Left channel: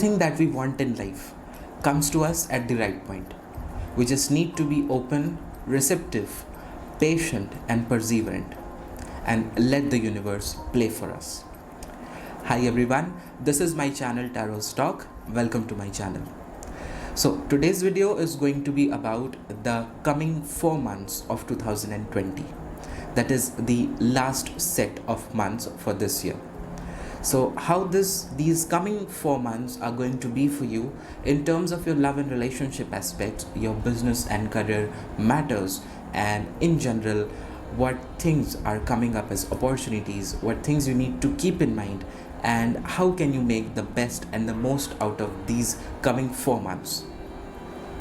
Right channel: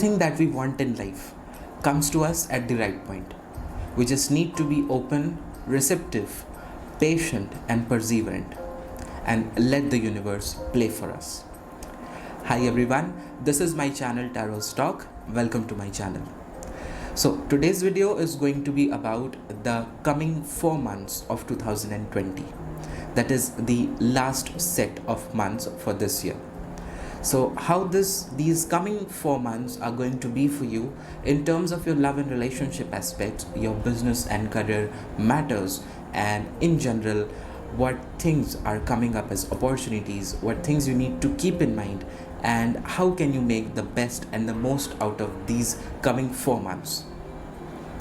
everything that we want in life comes to us at the right point. We just need to be open, receptive, patient, and perseverant, and let the universe play for us. Hi everyone, this is my channel Tarot's Talk. Welcome to my channel. So today's video is going to be about the coming 4 months of 2020. That is the last set of months for this year. So how these coming 4 months are going to be for you in terms of your love and relationship aspects, your business and career matters, and in general what things are coming up as opportunities, what things you need to keep in mind, and how can you make the best and the most out of these coming 4 months.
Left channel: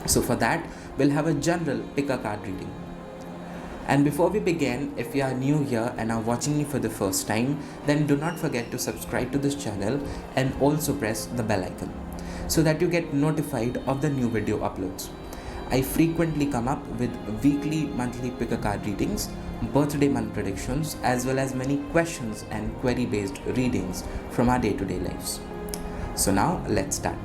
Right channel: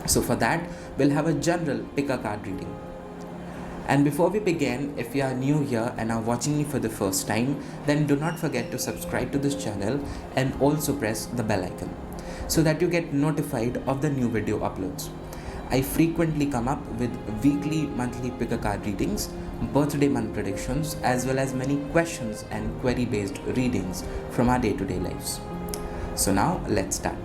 So for that, we'll have a general pick a card reading. And before we begin, if you are new here and are watching me for the first time, then do not forget to subscribe to this channel and also press the bell icon so that you get notified of the new video uploads. I frequently come up with weekly, monthly pick a card readings, birthday month predictions, as well as many questions and query based readings from our day-to-day lives. So now let's start.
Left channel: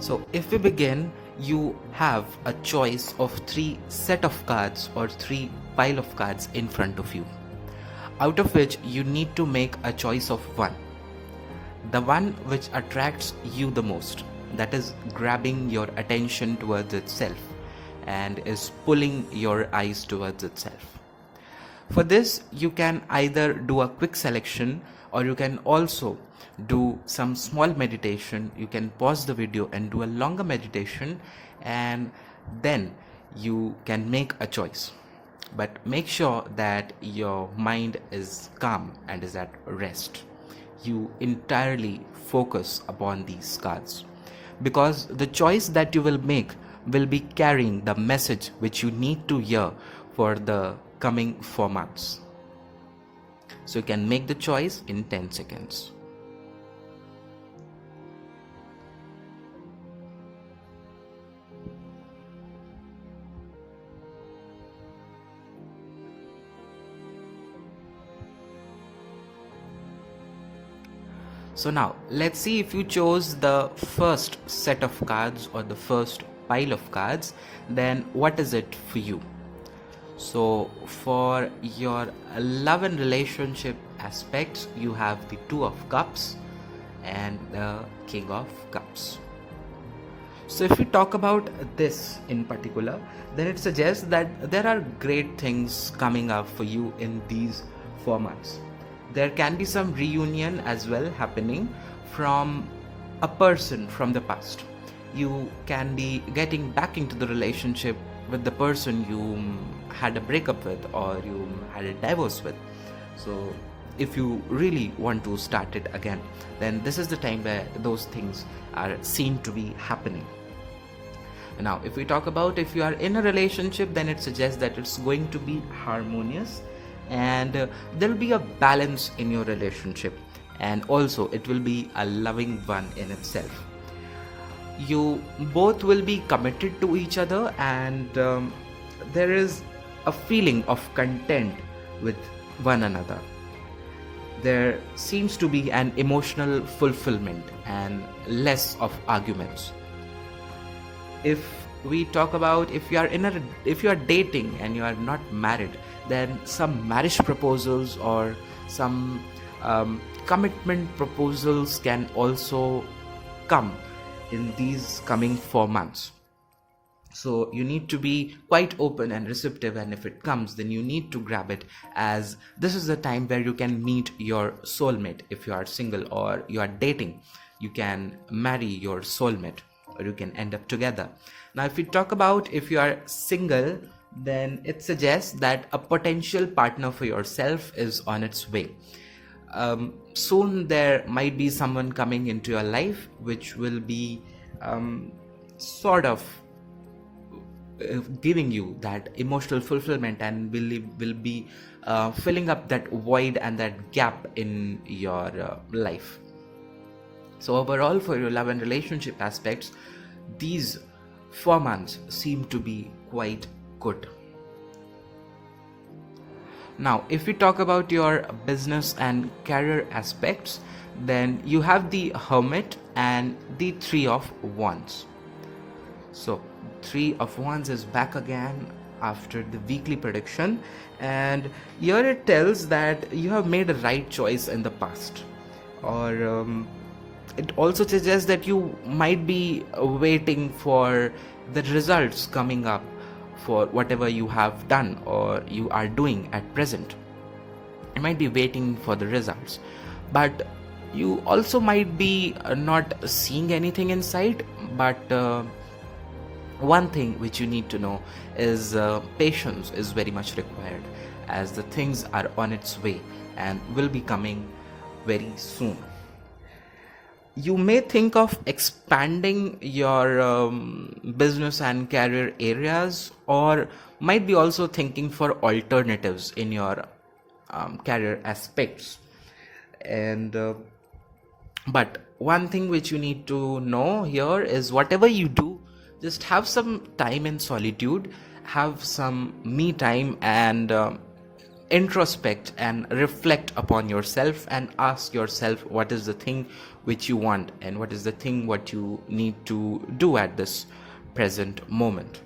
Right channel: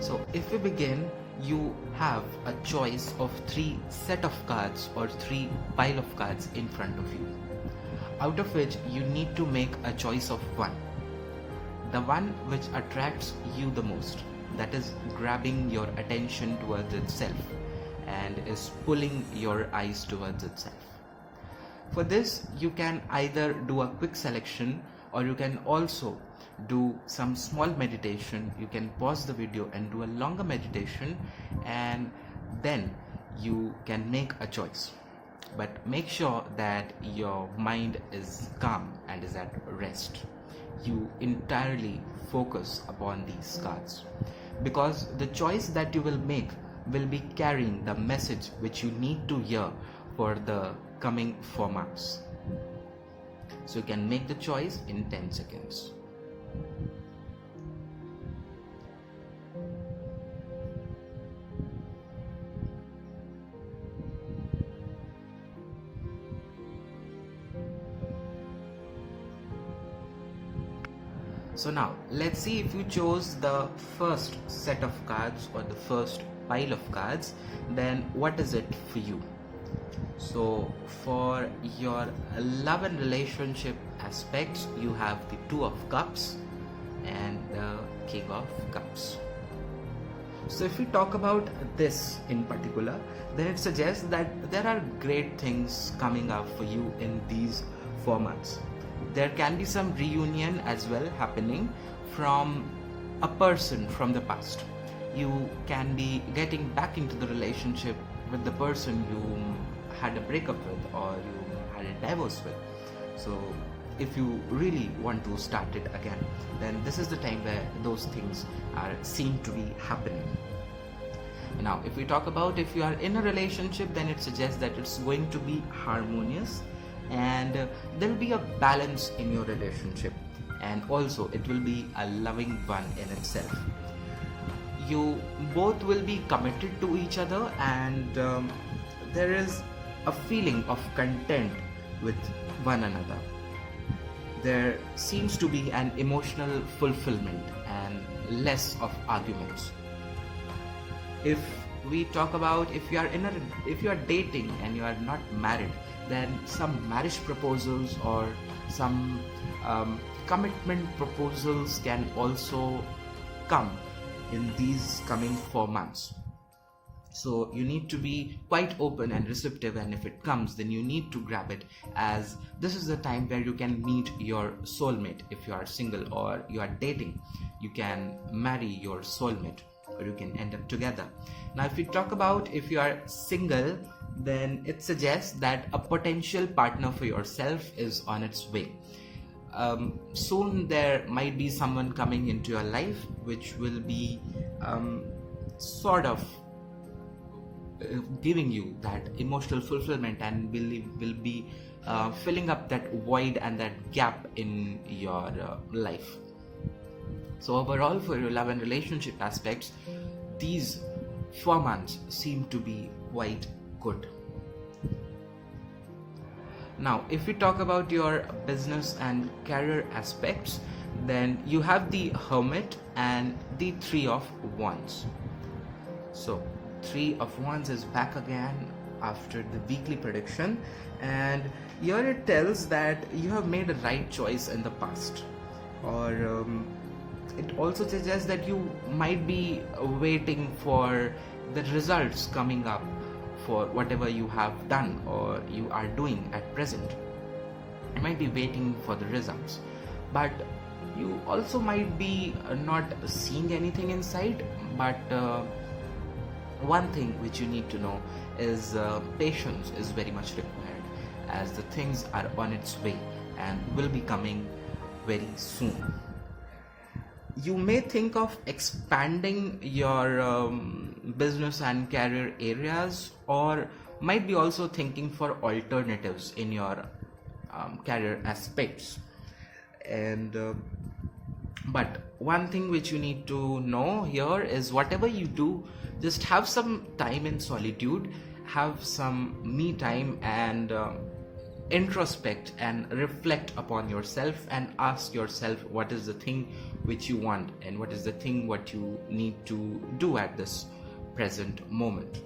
So if we begin, you have a choice of 3 set of cards or 3 pile of cards in front of you, out of which you need to make a choice of one. The one which attracts you the most, that is grabbing your attention towards itself and is pulling your eyes towards itself. For this, you can either do a quick selection or you can also do some small meditation. You can pause the video and do a longer meditation, and then you can make a choice. But make sure that your mind is calm and is at rest. You entirely focus upon these cards, because the choice that you will make will be carrying the message which you need to hear for the coming 4 months. So you can make the choice in 10 seconds. So now let's see if you chose the first set of cards or the first pile of cards, then what is it for you? So for your love and relationship aspects, you have the 2 of Cups and the King of Cups. So if we talk about this in particular, then it suggests that there are great things coming up for you in these 4 months. There can be some reunion as well happening from a person from the past. You can be getting back into the relationship with the person you had a breakup with or you had a divorce with. So if you really want to start it again, then this is the time where those things are seen to be happening. Now if we talk about if you are in a relationship, then it suggests that it's going to be harmonious, and there will be a balance in your relationship, and also it will be a loving one in itself. You both will be committed to each other, and there is a feeling of content with one another. There seems to be an emotional fulfillment and less of arguments. If we talk about if you are dating and you are not married, then some marriage proposals or some commitment proposals can also come in these coming 4 months. So you need to be quite open and receptive, and if it comes, then you need to grab it, as this is the time where you can meet your soulmate. If you are single or you are dating, you can marry your soulmate or you can end up together. Now if we talk about if you are single, then it suggests that a potential partner for yourself is on its way. Soon there might be someone coming into your life which will be sort of giving you that emotional fulfillment and will be filling up that void and that gap in your life. So overall, for your love and relationship aspects, these 4 months seem to be quite good. Now, if we talk about your business and career aspects, Then you have the Hermit and the Three of Wands. So Three of Wands is back again after the weekly prediction, and here it tells that you have made a right choice in the past, or it also suggests that you might be waiting for the results coming up for whatever you have done or you are doing at present. You might be waiting for the results, but you also might be not seeing anything inside. But one thing which you need to know is patience is very much required, as the things are on its way and will be coming very soon. You may think of expanding your business and career areas, or might be also thinking for alternatives in your career aspects. And but one thing which you need to know here is, whatever you do, just have some time in solitude, have some me time, and introspect and reflect upon yourself and ask yourself what is the thing which you want and what is the thing what you need to do at this present moment.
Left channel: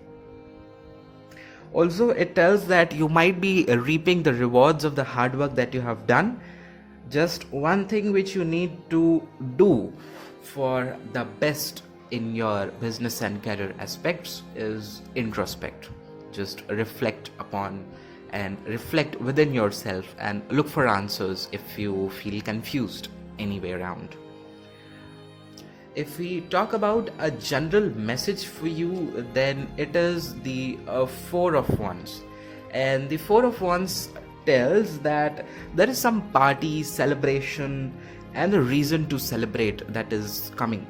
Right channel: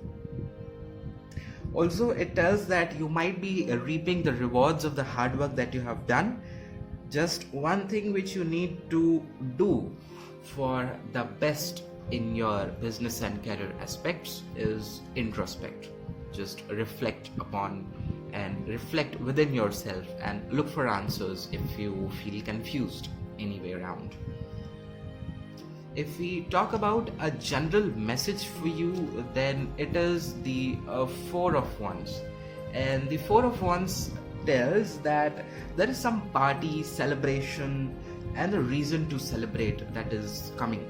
Also, it tells that you might be reaping the rewards of the hard work that you have done. Just one thing which you need to do for the best in your business and career aspects is introspect. Just reflect upon and reflect within yourself and look for answers if you feel confused anywhere around. If we talk about a general message for you, then it is the Four of Wands. And the Four of Wands tells that there is some party, celebration, and a reason to celebrate that is coming.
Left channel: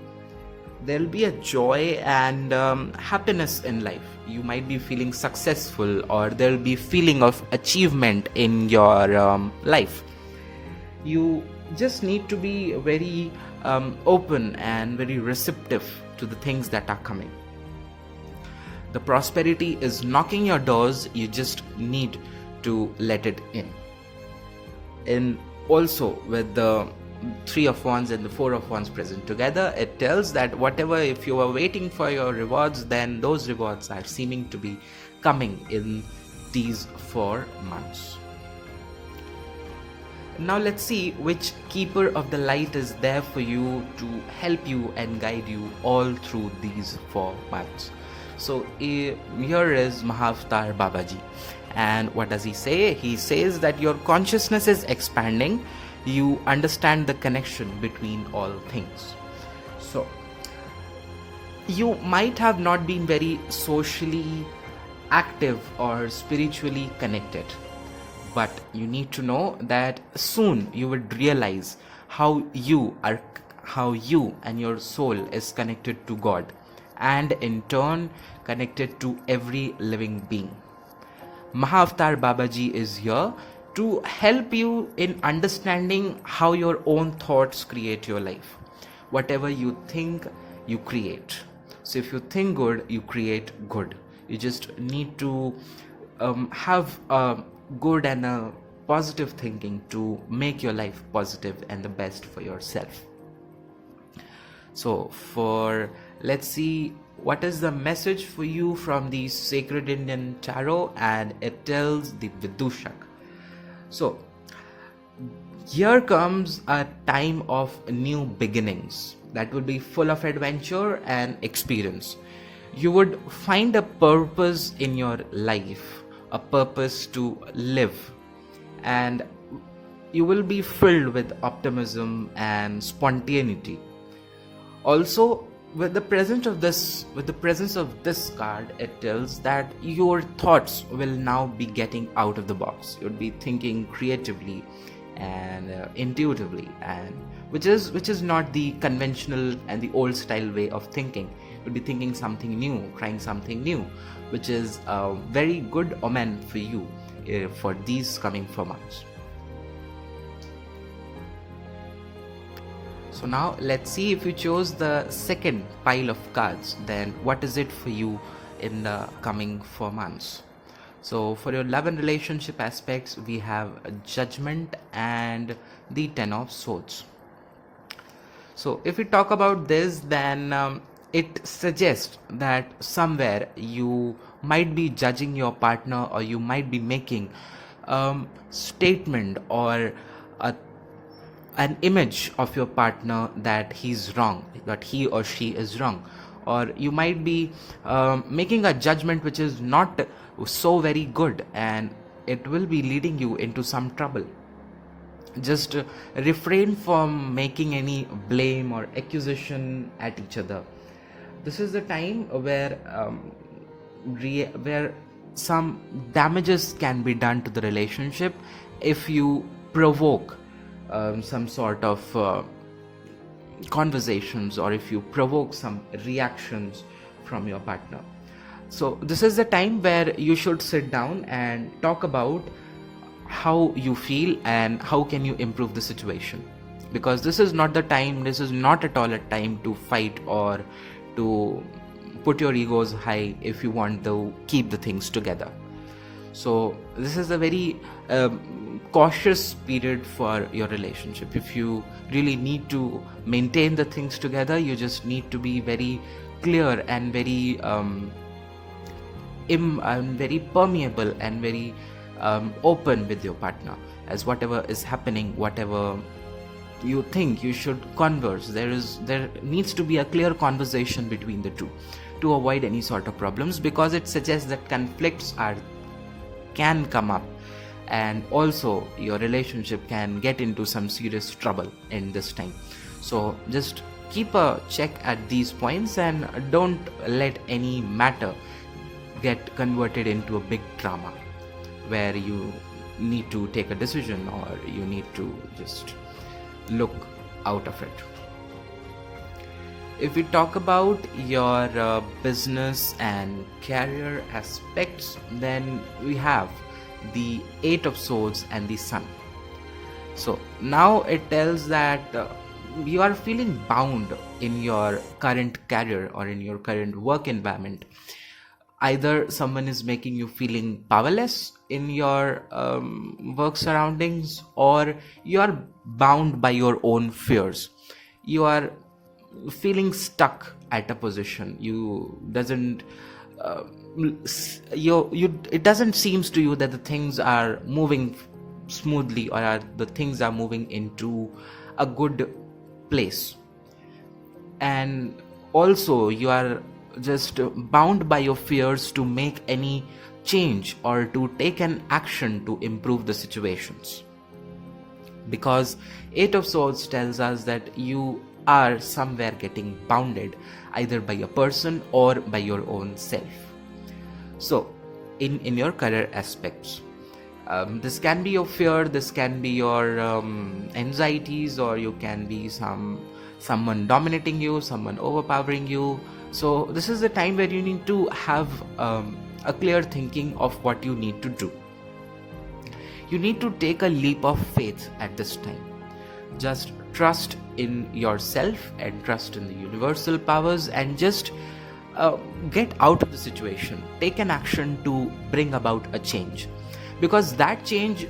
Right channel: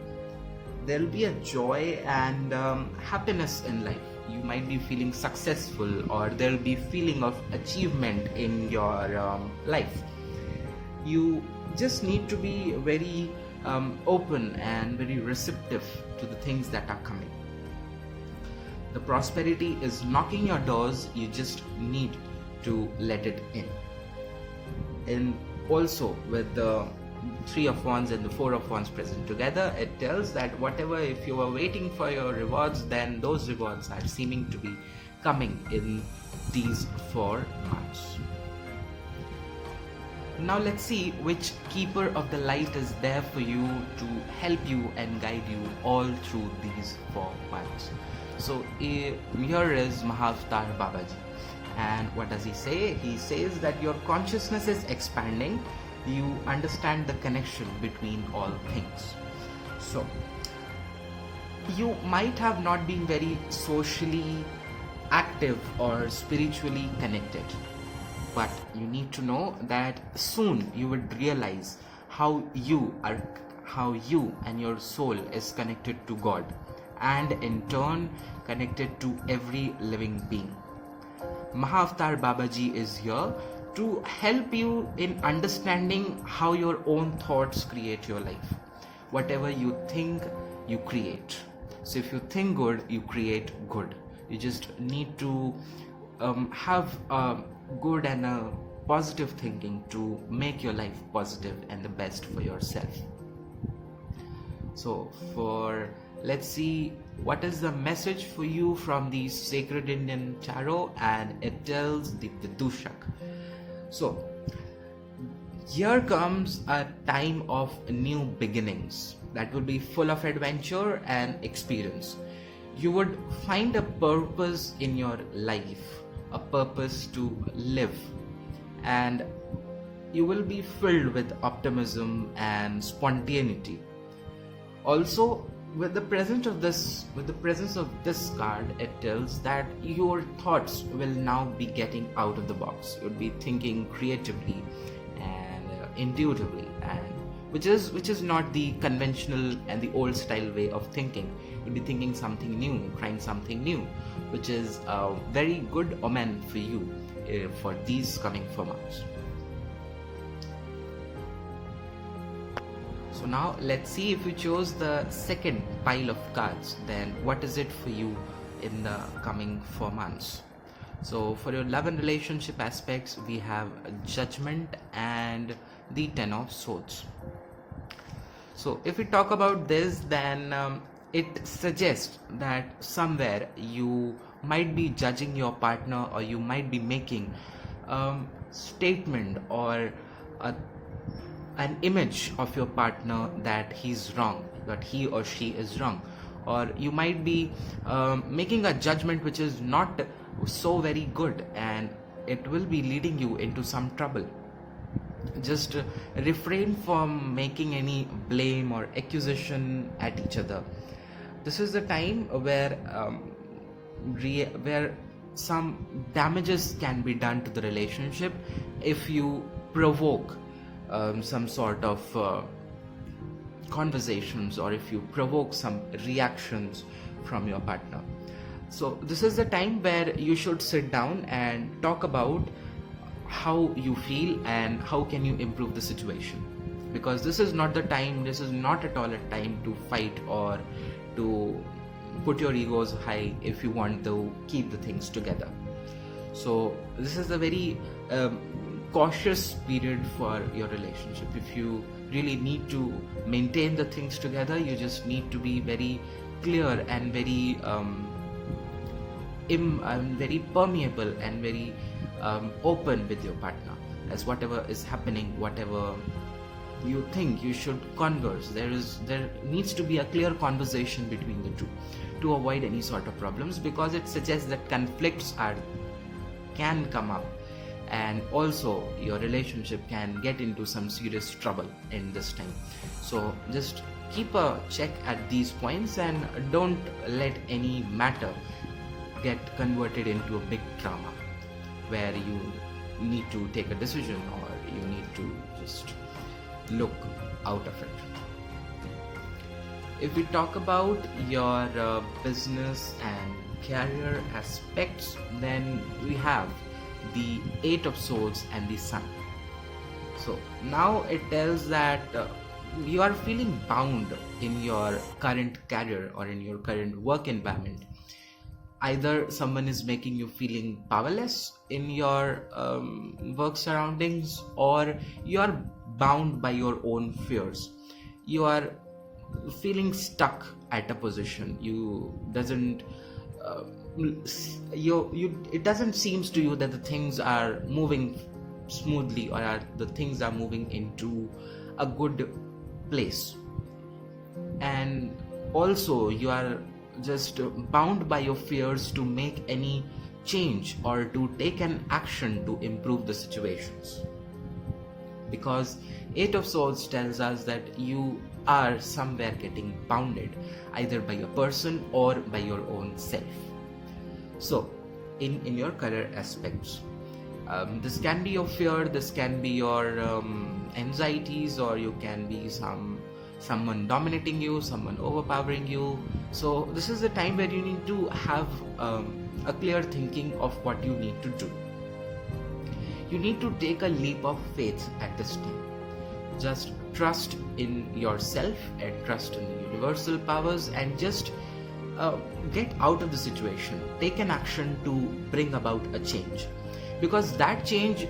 There'll be a joy and happiness in life. You might be feeling successful, or there'll be feeling of achievement in your life. You just need to be very open and very receptive to the things that are coming. The prosperity is knocking your doors. You just need to let it in. And also, with the Three of Wands and the Four of Wands present together, it tells that whatever, if you are waiting for your rewards, then those rewards are seeming to be coming in these 4 months. Now let's see which keeper of the light is there for you to help you and guide you all through these 4 months. So here is Mahavatar Babaji. And what does he say? He says that your consciousness is expanding. You understand the connection between all things. So you might have not been very socially active or spiritually connected, but you need to know that soon you would realize how you and your soul is connected to God, and in turn connected to every living being. Mahavatar Babaji is here to help you in understanding how your own thoughts create your life. Whatever you think, you create. So if you think good, you create good. You just need to have a good and a positive thinking to make your life positive and the best for yourself. So let's see what is the message for you from the Sacred Indian Tarot, and it tells the Vidushak. So here comes a time of new beginnings that will be full of adventure and experience. You would find a purpose in your life, a purpose to live, and you will be filled with optimism and spontaneity. Also, with the presence of this card, it tells that your thoughts will now be getting out of the box. You'll be thinking creatively and intuitively, and which is not the conventional and the old style way of thinking. You'll be thinking something new, trying something new, which is a very good omen for you for these coming 4 months. So now let's see, if you chose the second pile of cards, then what is it for you in the coming 4 months? So for your love and relationship aspects, we have Judgment and the Ten of Swords. So if we talk about this, then it suggests that somewhere you might be judging your partner, or you might be making statement or a, an image of your partner that he's wrong, that he or she is wrong, or you might be making a judgment which is not so very good, and it will be leading you into some trouble. Just refrain from making any blame or accusation at each other. This is the time where where some damages can be done to the relationship if you provoke some sort of conversations, or if you provoke some reactions from your partner. So this is the time where you should sit down and talk about how you feel and how can you improve the situation, because this is not the time, this is not at all a time to fight or to put your egos high if you want to keep the things together. So this is a very cautious period for your relationship. If you really need to maintain the things together, you just need to be very clear and very very permeable and very open with your partner, as whatever is happening, whatever you think, you should converse. There needs to be a clear conversation between the two to avoid any sort of problems, because it suggests that conflicts can come up, and also your relationship can get into some serious trouble in this time. So just keep a check at these points and don't let any matter get converted into a big drama where you need to take a decision, or you need to just look out of it. If we talk about your business and career aspects, then we have the Eight of Swords and the Sun. So now it tells that you are feeling bound in your current career or in your current work environment. Either someone is making you feeling powerless in your work surroundings, or you are bound by your own fears. You are feeling stuck at a position. It doesn't seems to you that the things are moving smoothly, or the things are moving into a good place. And also you are just bound by your fears to make any change or to take an action to improve the situations, because Eight of Swords tells us that you are somewhere getting bounded either by a person or by your own self. So in your career aspects, this can be your fear, this can be your anxieties, or you can be someone dominating you, someone overpowering you. So this is the time where you need to have a clear thinking of what you need to do. You need to take a leap of faith at this time. Just trust in yourself and trust in the universal powers, and just get out of the situation. Take an action to bring about a change, because that change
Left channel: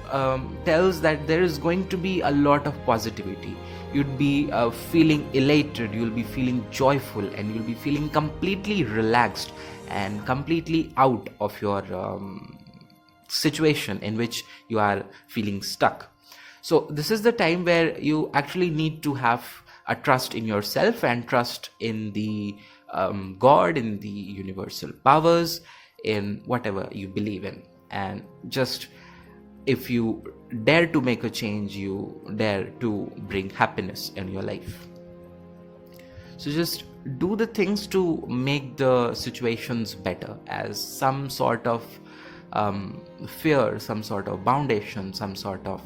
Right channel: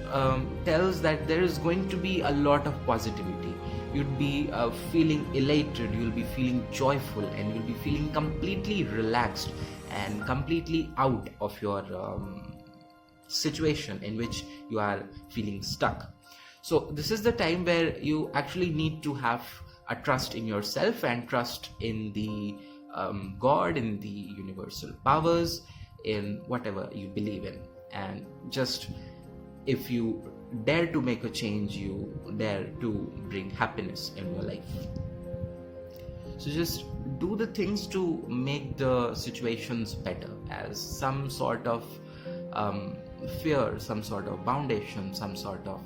tells that there is going to be a lot of positivity. You'd be feeling elated, you'll be feeling joyful, and you'll be feeling completely relaxed and completely out of your situation in which you are feeling stuck. So this is the time where you actually need to have a trust in yourself and trust in the God, in the universal powers, in whatever you believe in. And just, if you dare to make a change, you dare to bring happiness in your life. So just do the things to make the situations better, as some sort of fear, some sort of foundation, some sort of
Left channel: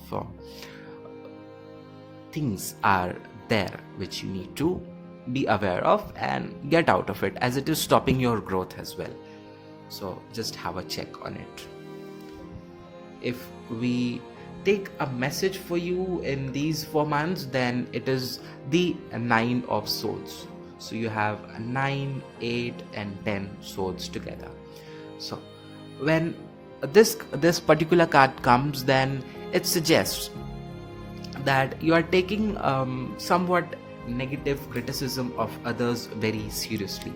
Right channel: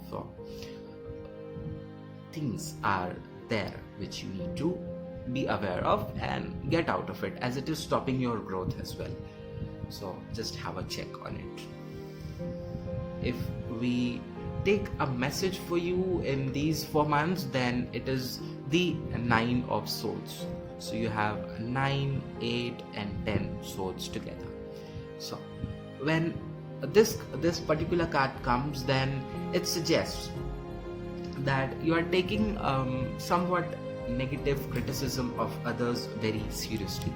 things are there which you need to be aware of and get out of it, as it is stopping your growth as well. So just have a check on it. If we take a message for you in these 4 months, then it is the Nine of Swords. So you have 9, 8 and 10 swords together. So when this particular card comes, then it suggests that you are taking somewhat negative criticism of others very seriously,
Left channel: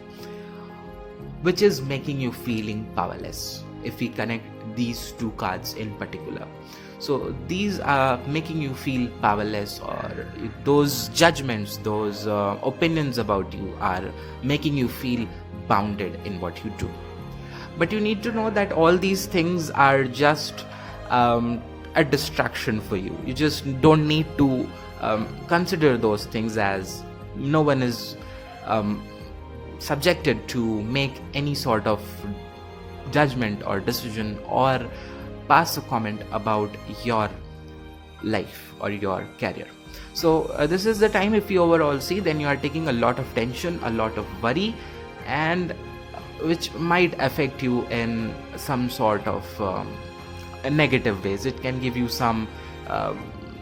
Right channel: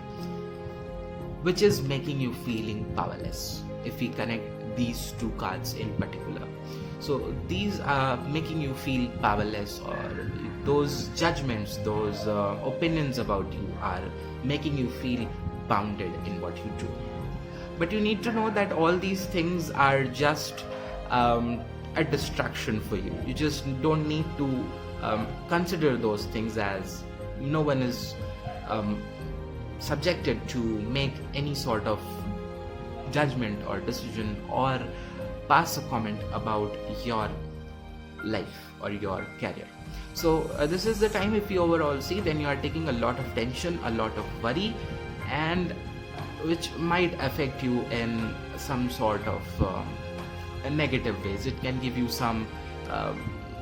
which is making you feeling powerless. If we connect these two cards in particular, so these are making you feel powerless, or those judgments, those opinions about you are making you feel bounded in what you do. But you need to know that all these things are just a distraction for you. You just don't need to consider those things, as no one is subjected to make any sort of judgment or decision or pass a comment about your life or your career. So this is the time, if you overall see, then you are taking a lot of tension, a lot of worry, and which might affect you in some sort of negative ways. It can give you some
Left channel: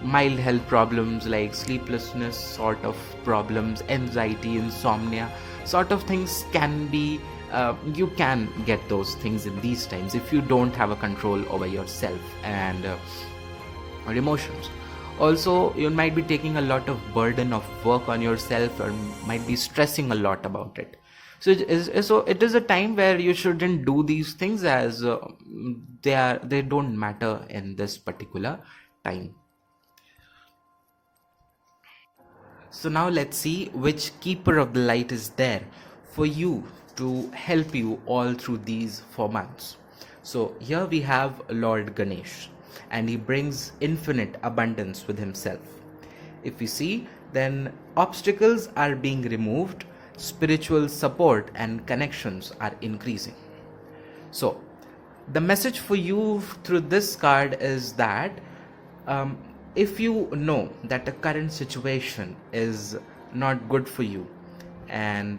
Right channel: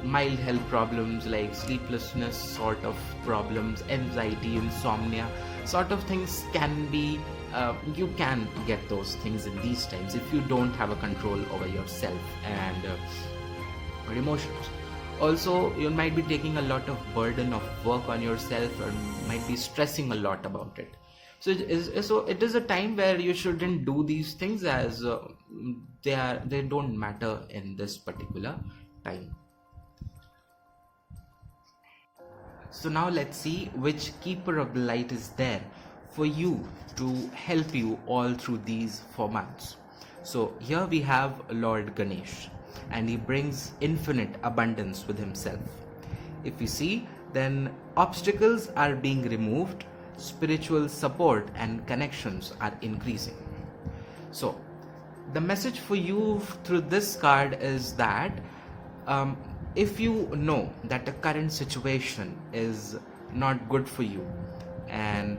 mild health problems like sleeplessness sort of problems, anxiety, insomnia sort of things can be you can get those things in these times if you don't have a control over yourself and or emotions. Also, you might be taking a lot of burden of work on yourself, or might be stressing a lot about it. So it is a time where you shouldn't do these things, as they don't matter in this particular time. So now let's see which keeper of the light is there for you to help you all through these 4 months. So here we have Lord Ganesh, and he brings infinite abundance with himself. If we see, then obstacles are being removed, spiritual support and connections are increasing. So the message for you through this card is that if you know that the current situation is not good for you and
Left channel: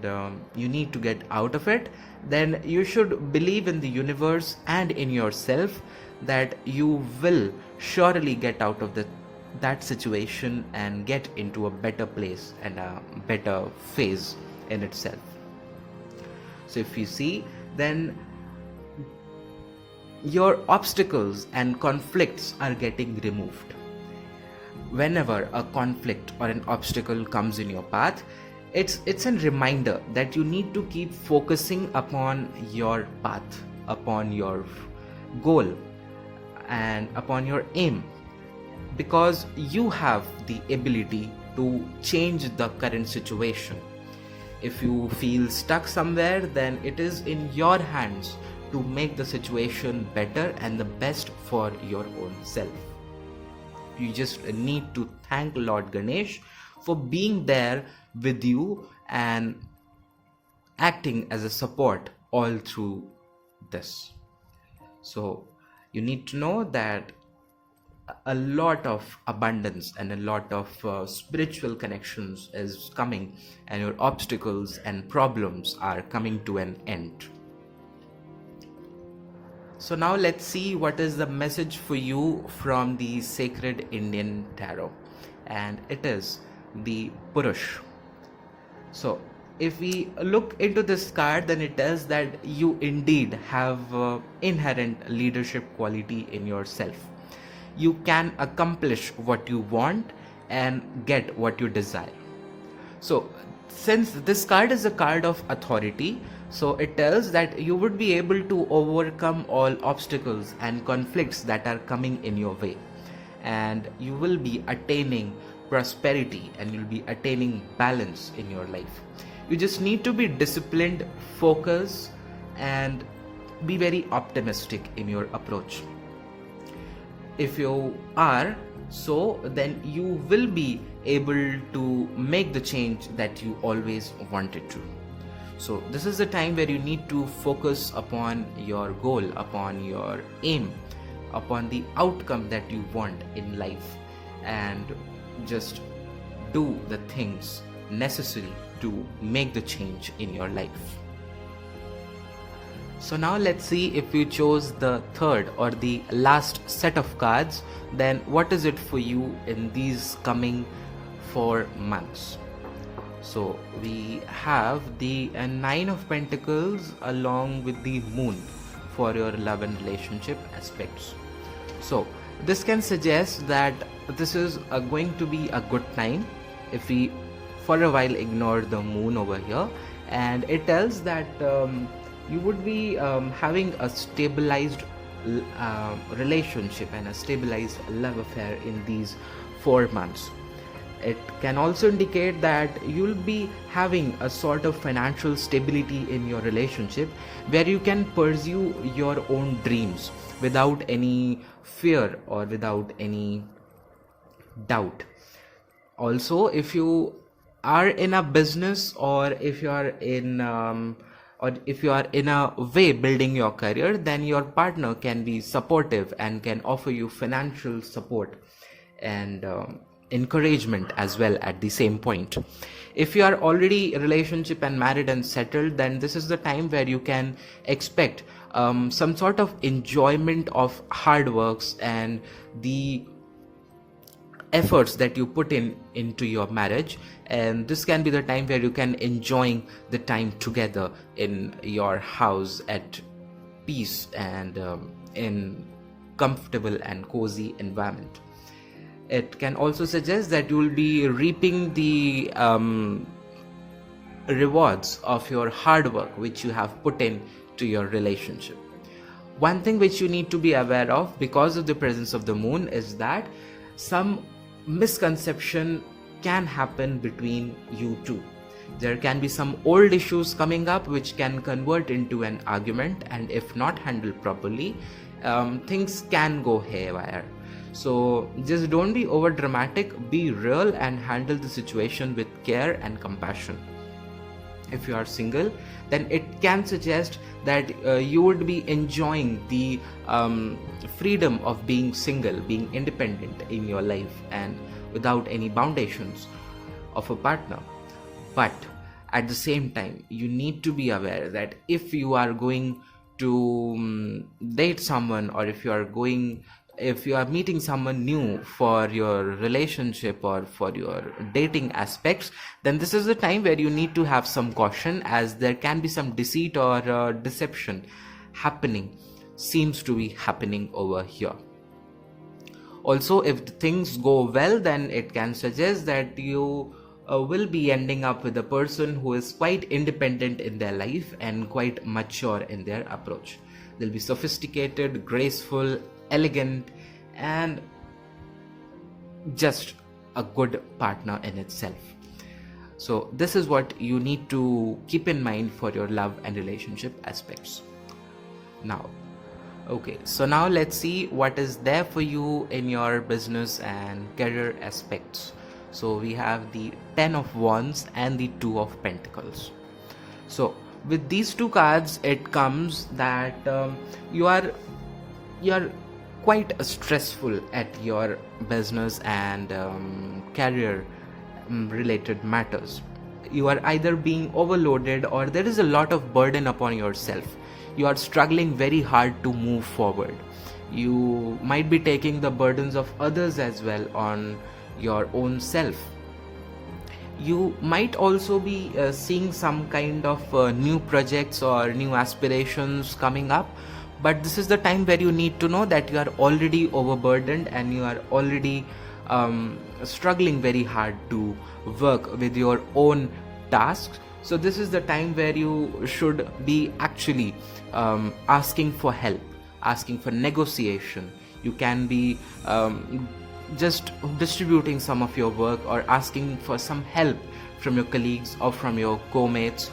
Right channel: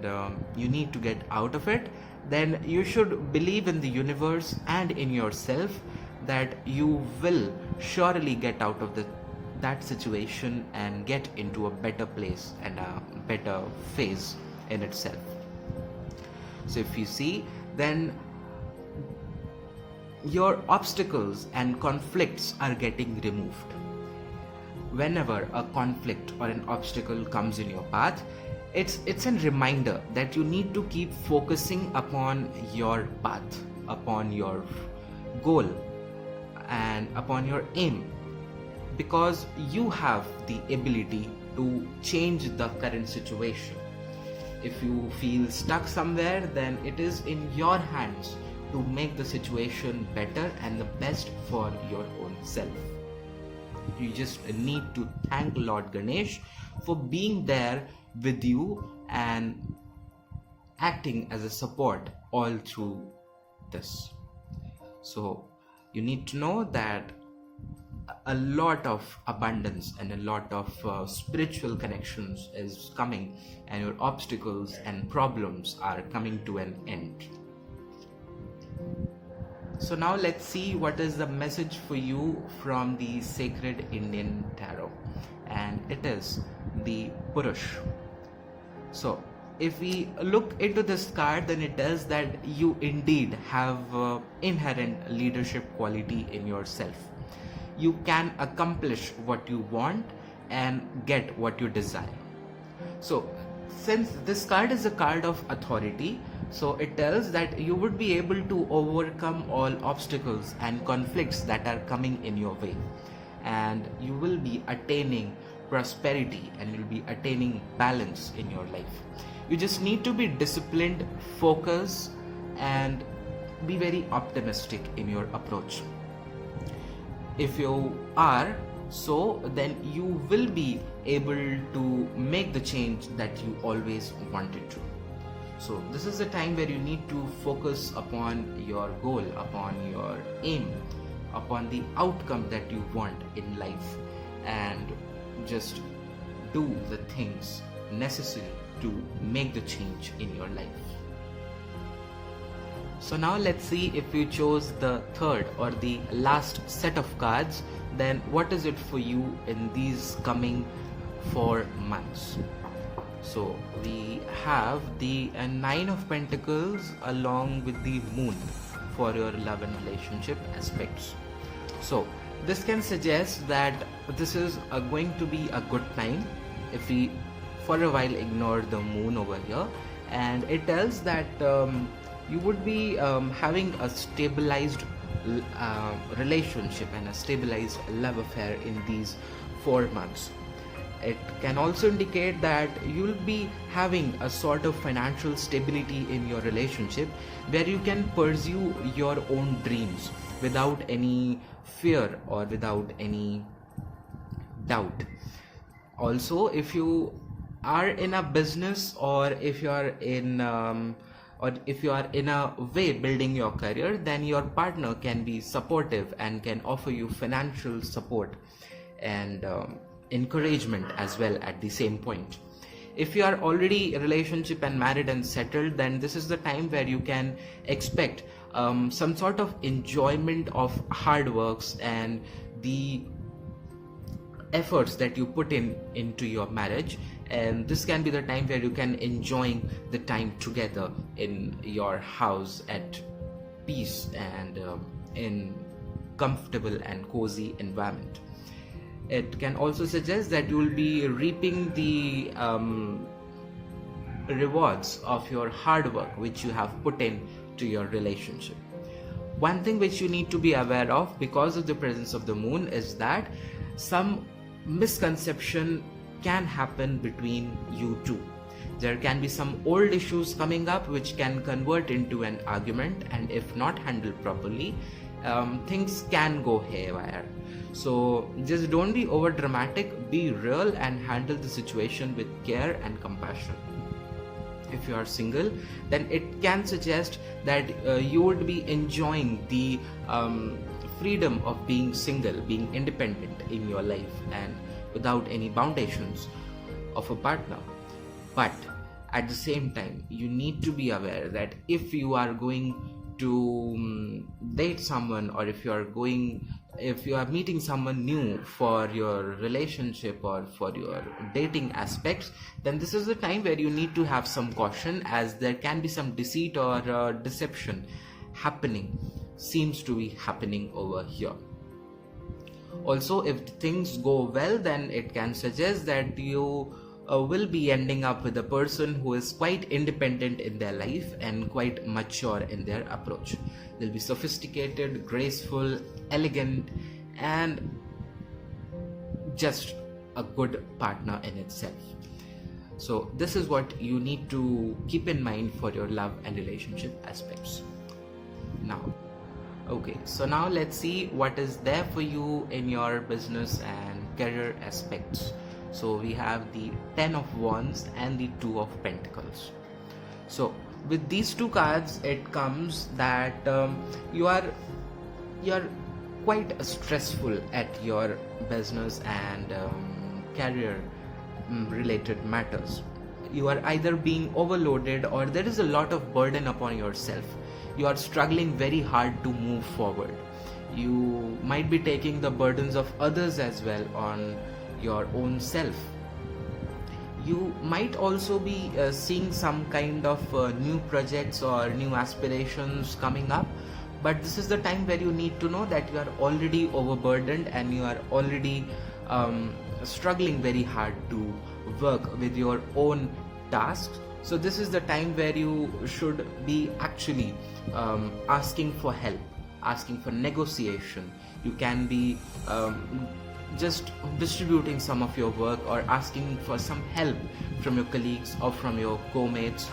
you need to get out of it, then you should believe in the universe and in yourself that you will surely get out of that situation and get into a better place and a better phase in itself. So if you see, then your obstacles and conflicts are getting removed. Whenever a conflict or an obstacle comes in your path, it's a reminder that you need to keep focusing upon your path, upon your goal and upon your aim, because you have the ability to change the current situation. If you feel stuck somewhere, then it is in your hands to make the situation better and the best for your own self. You just need to thank Lord Ganesh for being there with you and acting as a support all through this. So you need to know that a lot of abundance and a lot of spiritual connections is coming, and your obstacles and problems are coming to an end. So now let's see what is the message for you from the Sacred Indian Tarot, and it is the Purush. So if we look into this card, then it tells that you indeed have inherent leadership quality in yourself. You can accomplish what you want and get what you desire. So since this card is a card of authority, so it tells that you would be able to overcome all obstacles and conflicts that are coming in your way, and you will be attaining prosperity and you'll be attaining balance in your life. You just need to be disciplined, focused, and be very optimistic in your approach. If you are so, then you will be able to make the change that you always wanted to. So this is the time where you need to focus upon your goal, upon your aim, upon the outcome that you want in life, and just do the things necessary to make the change in your life. So now let's see, if you chose the third or the last set of cards, then what is it for you in these coming 4 months? So we have the Nine of Pentacles along with the Moon for your love and relationship aspects. So this can suggest that this is going to be a good time if we for a while ignore the moon over here, and it tells that you would be having a stabilized relationship and a stabilized love affair in these 4 months. It can also indicate that you'll be having a sort of financial stability in your relationship where you can pursue your own dreams without any fear or without any doubt. Also, if you are in a business, or if you are in a way building your career, then your partner can be supportive and can offer you financial support and encouragement as well at the same point. If you are already relationship and married and settled, then this is the time where you can expect some sort of enjoyment of hard works and the efforts that you put into your marriage, and this can be the time where you can enjoy the time together in your house at peace and in comfortable and cozy environment. It can also suggest that you will be reaping the rewards of your hard work which you have put in to your relationship. One thing which you need to be aware of because of the presence of the moon is that some misconception can happen between you two. There can be some old issues coming up which can convert into an argument, and if not handled properly, things can go haywire. So just don't be over dramatic, be real and handle the situation with care and compassion. If you are single, then it can suggest that you would be enjoying the freedom of being single, being independent in your life and without any foundations of a partner. But at the same time, you need to be aware that if you are going to date someone, or if you are meeting someone new for your relationship or for your dating aspects, then this is the time where you need to have some caution, as there can be some deceit or deception seems to be happening over here. Also, if things go well, then it can suggest that you will be ending up with a person who is quite independent in their life and quite mature in their approach. They'll be sophisticated, graceful, elegant, and just a good partner in itself. So this is what you need to keep in mind for your love and relationship aspects. Now let's see what is there for you in your business and career aspects. So we have the 10 of Wands and the 2 of Pentacles. So with these two cards, it comes that you're quite stressful at your business and career related matters. You are either being overloaded or there is a lot of burden upon yourself. You are struggling very hard to move forward. You might be taking the burdens of others as well on your own self. You might also be seeing some kind of new projects or new aspirations coming up, but this is the time where you need to know that you are already overburdened and you are already struggling very hard to work with your own tasks. So this is the time where you should be actually asking for help, asking for negotiation. You can be just distributing some of your work or asking for some help from your colleagues or from your co-mates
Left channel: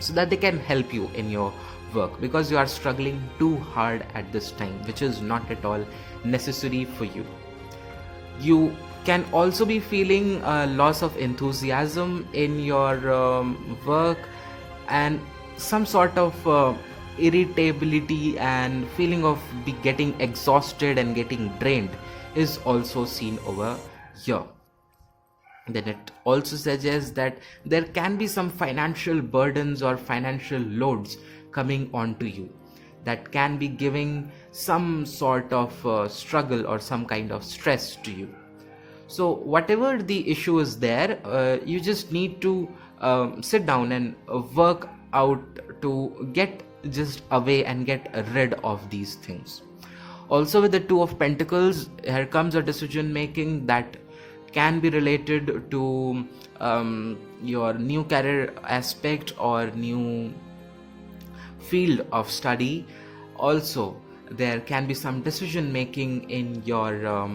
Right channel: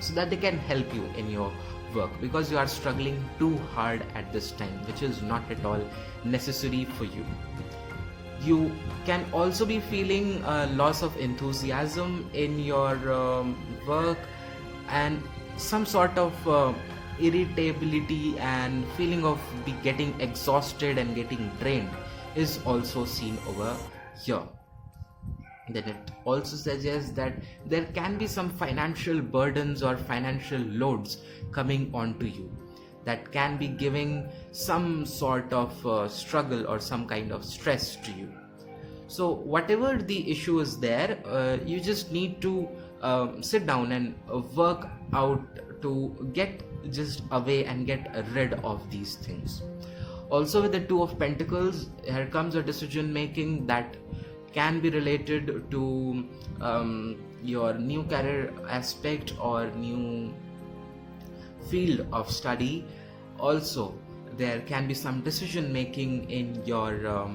so that they can help you in your work, because you are struggling too hard at this time, which is not at all necessary for you. You can also be feeling a loss of enthusiasm in your work, and some sort of irritability and feeling of getting exhausted and getting drained is also seen over here. Then it also suggests that there can be some financial burdens or financial loads coming onto you that can be giving some sort of struggle or some kind of stress to you. So whatever the issue is there, you just need to sit down and work out to get just away and get rid of these things. Also with the 2 of Pentacles, here comes a decision making that can be related to your new career aspect or new field of study. Also, there can be some decision making in your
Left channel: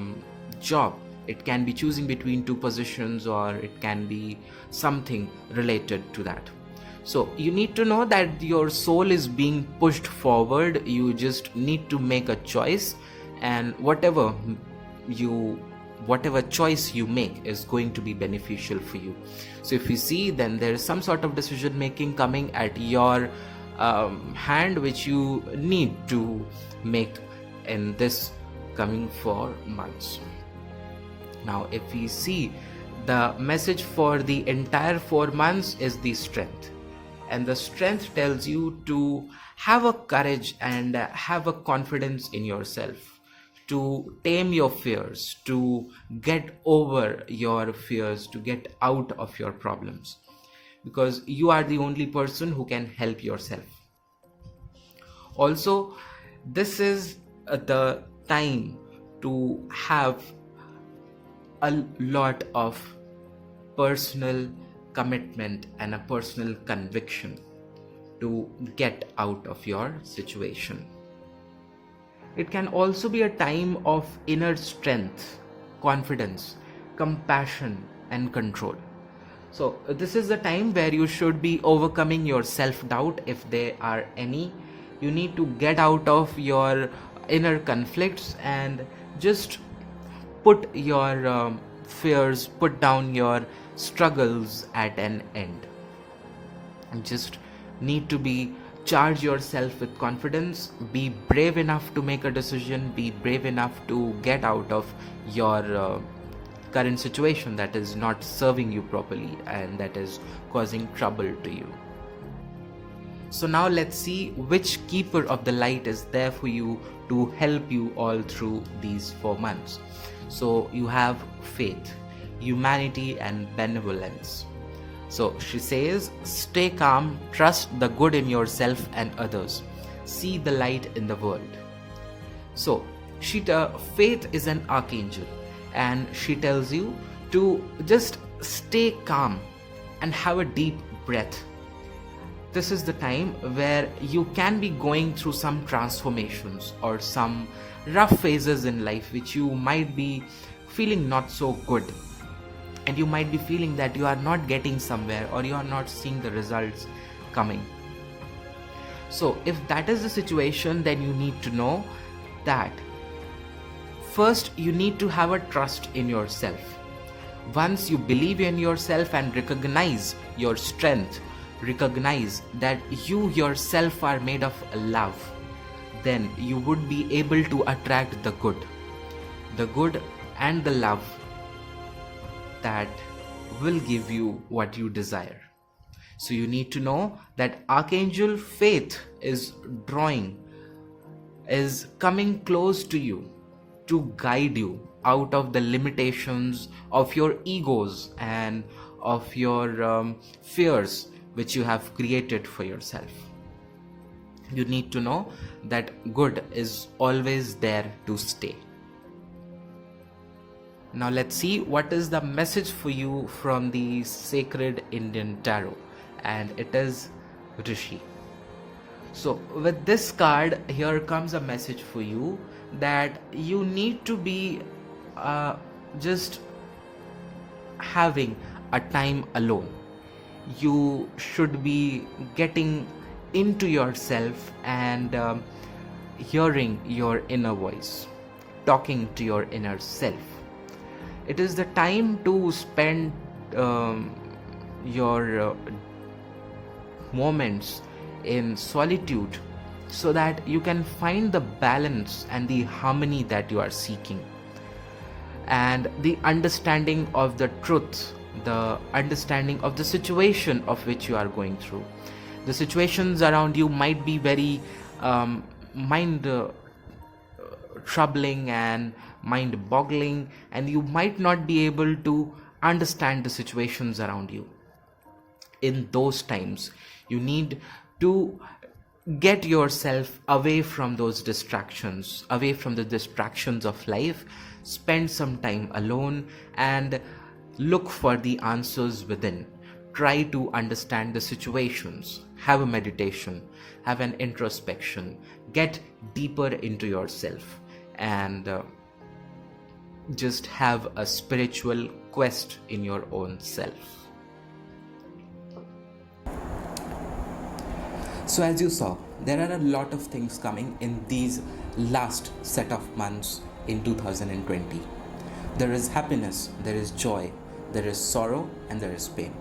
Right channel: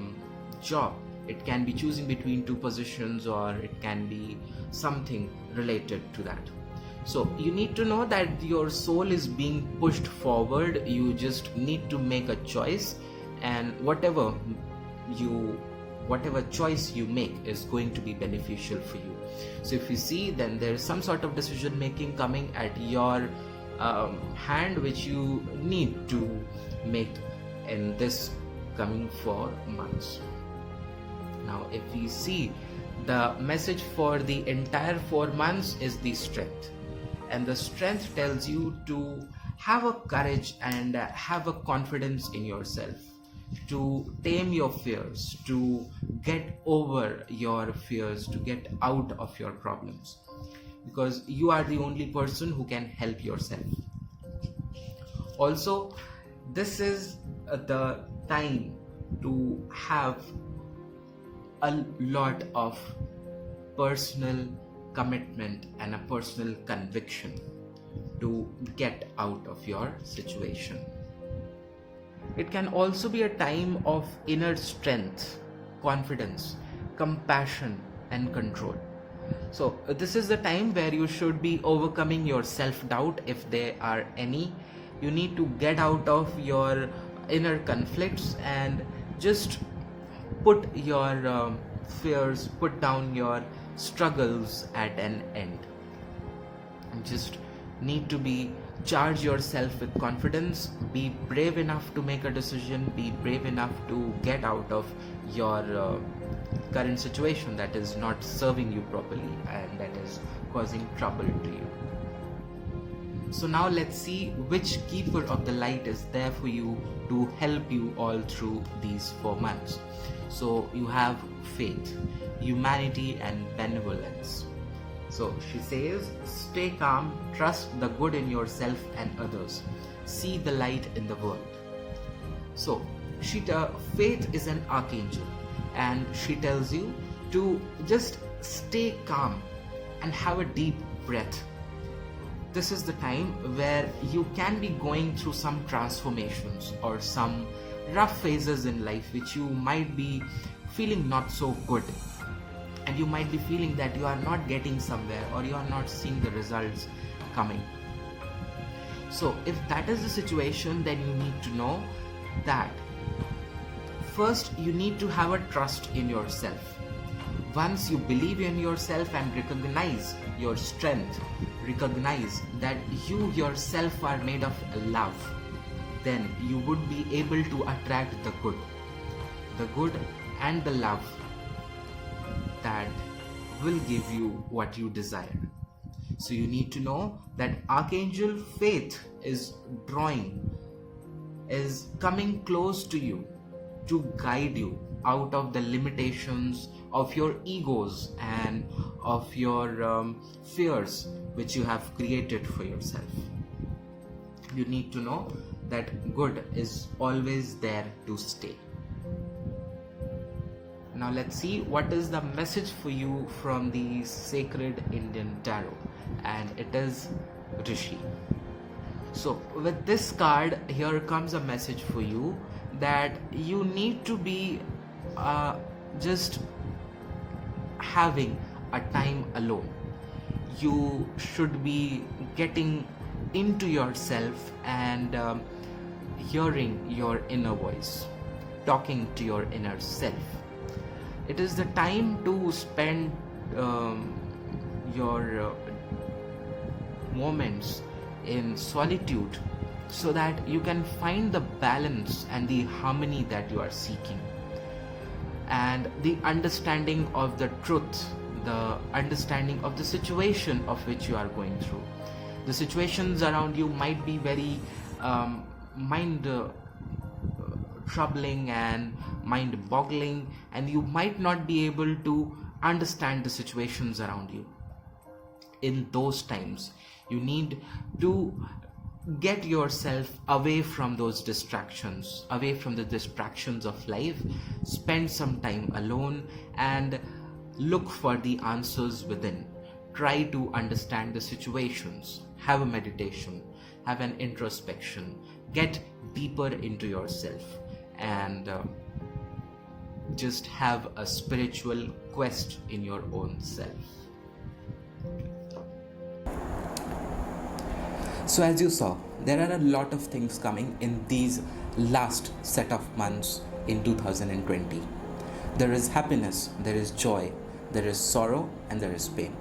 job. It can be choosing between two positions, or it can be something related to that. So you need to know that your soul is being pushed forward. You just need to make a choice, and whatever choice you make is going to be beneficial for you. So if you see, then there is some sort of decision making coming at your hand, which you need to make in this coming 4 months. Now if we see, the message for the entire 4 months is the strength, and the strength tells you to have a courage and have a confidence in yourself, to tame your fears, to get over your fears, to get out of your problems, because you are the only person who can help yourself. Also, this is the time to have a lot of personal commitment and a personal conviction to get out of your situation. It can also be a time of inner strength, confidence, compassion, and control. So this is the time where you should be overcoming your self-doubt, if there are any. You need to get out of your inner conflicts and just put your fears, put down your struggles at an end. You just need to charge yourself with confidence, be brave enough to make a decision, be brave enough to get out of your current situation that is not serving you properly and that is causing trouble to you. So now let's see which keeper of the light is there for you to help you all through these 4 months. So you have faith, humanity, and benevolence. So she says, stay calm, trust the good in yourself and others, see the light in the world. So faith is an archangel, and she tells you to just stay calm and have a deep breath. This is the time where you can be going through some transformations or some rough phases in life which you might be feeling not so good, and you might be feeling that you are not getting somewhere or you are not seeing the results coming. So if that is the situation, then you need to know that first you need to have a trust in yourself. Once you believe in yourself and recognize your strength, recognize that you yourself are made of love, then you would be able to attract the good and the love that will give you what you desire. So you need to know that Archangel Faith is coming close to you to guide you out of the limitations of your egos and of your fears which you have created for yourself. You need to know that good is always there to stay. Now let's see what is the message for you from the Sacred Indian Tarot, and it is Rishi. So with this card, here comes a message for you that you need to be just having a time alone. You should be getting into yourself and hearing your inner voice, talking to your inner self. It is the time to spend your moments in solitude so that you can find the balance and the harmony that you are seeking, and the understanding of the truth, the understanding of the situation of which you are going through. The situations around you might be very mind troubling and mind boggling, and you might not be able to understand the situations around you. In those times, you need to get yourself away from those distractions, away from the distractions of life. Spend some time alone and look for the answers within. Try to understand the situations. Have a meditation, have an introspection, get deeper into yourself, and just have a spiritual quest in your own self. So, as you saw, there are a lot of things coming in these last set of months in 2020. There is happiness, there is joy, there is sorrow, and there is pain.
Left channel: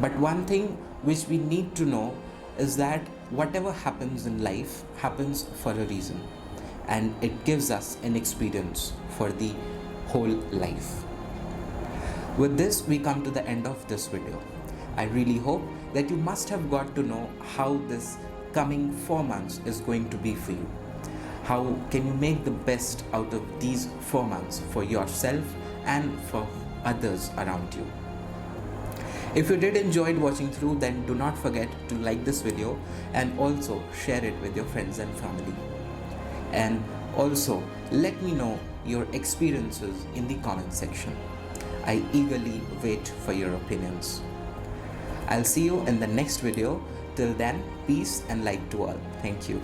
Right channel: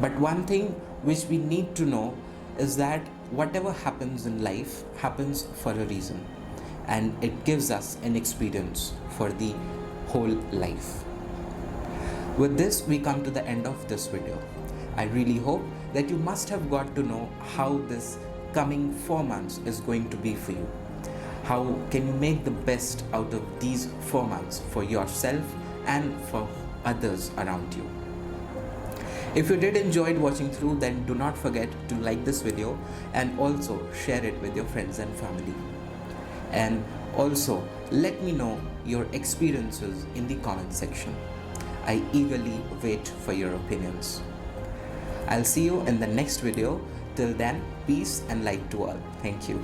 But one thing which we need to know is that whatever happens in life happens for a reason, and it gives us an experience for the whole life. With this, we come to the end of this video. I really hope that you must have got to know how this coming 4 months is going to be for you. How can you make the best out of these 4 months for yourself and for others around you? If you did enjoy watching through, then do not forget to like this video and also share it with your friends and family. And also let me know your experiences in the comment section. I eagerly wait for your opinions. I'll see you in the next video. Till then, peace and light to all. Thank you.